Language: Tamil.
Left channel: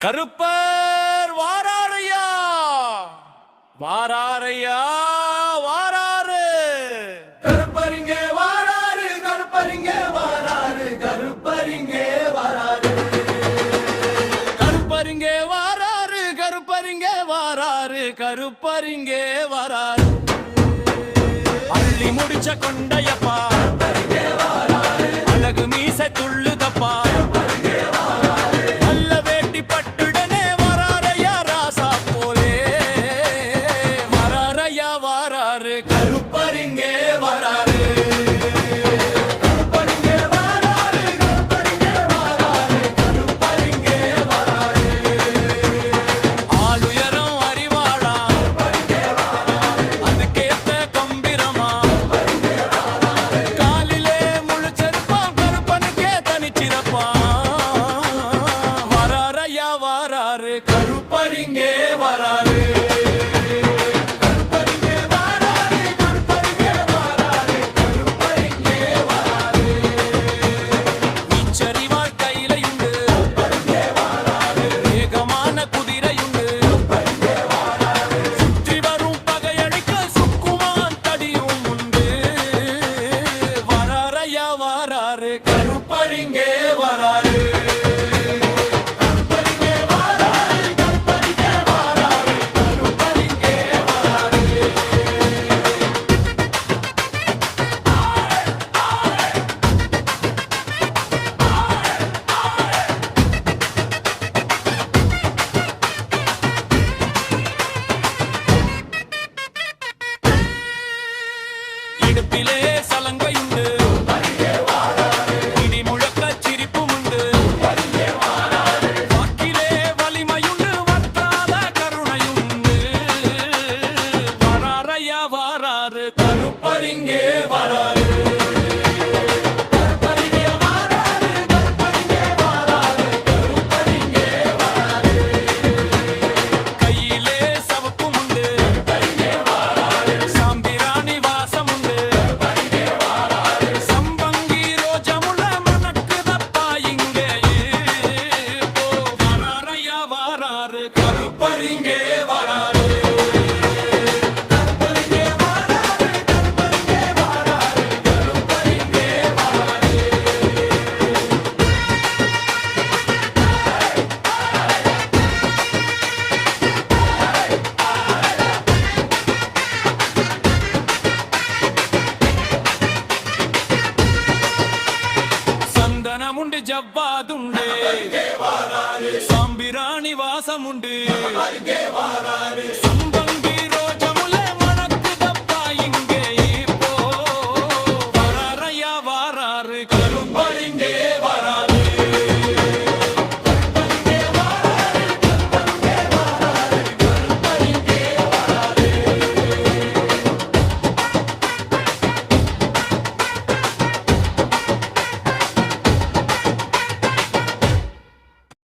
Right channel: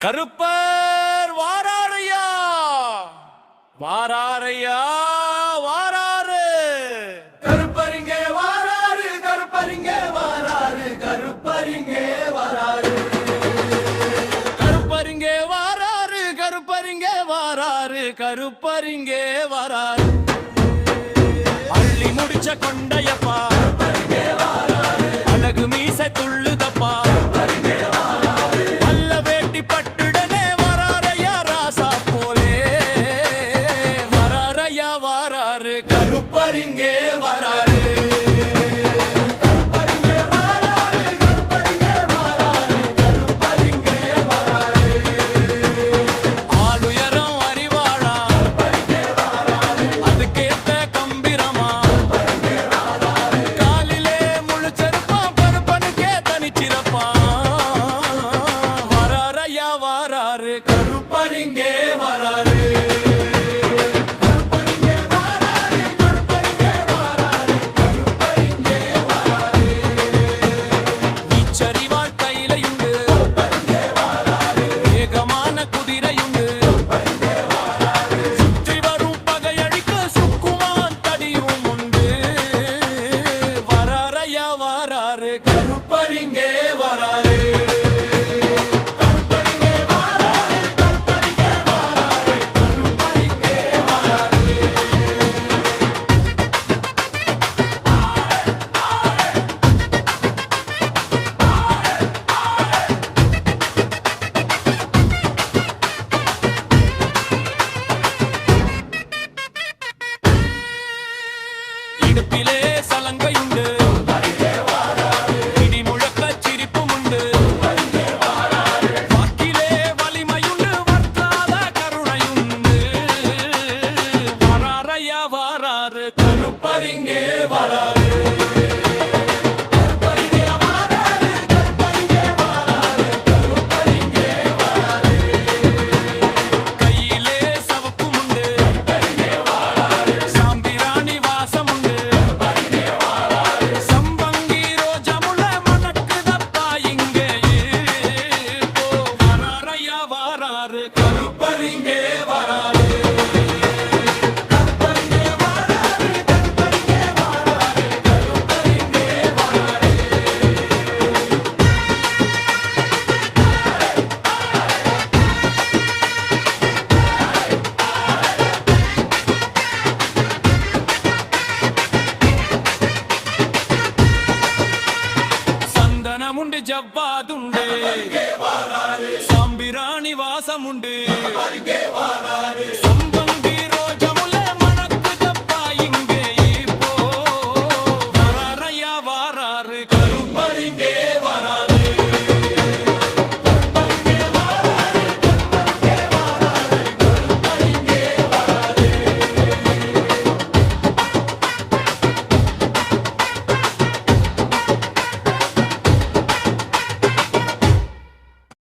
கருப்பர் வாராரையா வாராரையா வாராரு கருப்பரிங்க வாராரு கருப்பரிங்க வாராரு கருப்பரிங்க வாராரு கருப்பரிங்க வாராரு கருப்பரிங்க வாராரு கருப்பரிங்க வாராரு அள்ளி முடிச்ச கொண்டையப்பா அழகு மீசை துள்ளுதப்பா வல்ல வேட்டி பட்டுடனே வராரையா ராசா போலே வராரையா வாராரு கருப்பரிங்க வாராரு ஆளுயரம் அறிவாளா அதுக்கேத்த கம்பிரமா காலிலே முழுச்செருப்பான் கருப்பனுக்கே தனிச்சிறப்பான் வராரையா வாராரு கருப்பரிங்க வராரு வீச்சறிவாள் கையிலையுண்டு வேகமான குதிரையுண்டு சுற்றி வரும் பகையழிக்க சுக்குமான் தடியும் உண்டு வராரையா வாராரு கருப்பரிங்க வராரு இடுப்பிலே சலங்கையுண்டு இடி முழக்க சிரிப்பும் உண்டு வாக்கிலே வலிமையுண்டு வற்றாத கருணையுண்டு வராரையா வாராரு கருப்பரிங்கே வராரு கையிலே சவப்பும் உண்டு சாம்பிராணி வாசம் உண்டு சம்பங்கி ரோஜமுள்ள மணக்குதப்பா இங்கே போ வராரையா வாராரு கருப்பரிங்கே வராரு சந்தனமுண்டு ஜவ்வாதுண்டு சாம்பிராணி வாசமுண்டு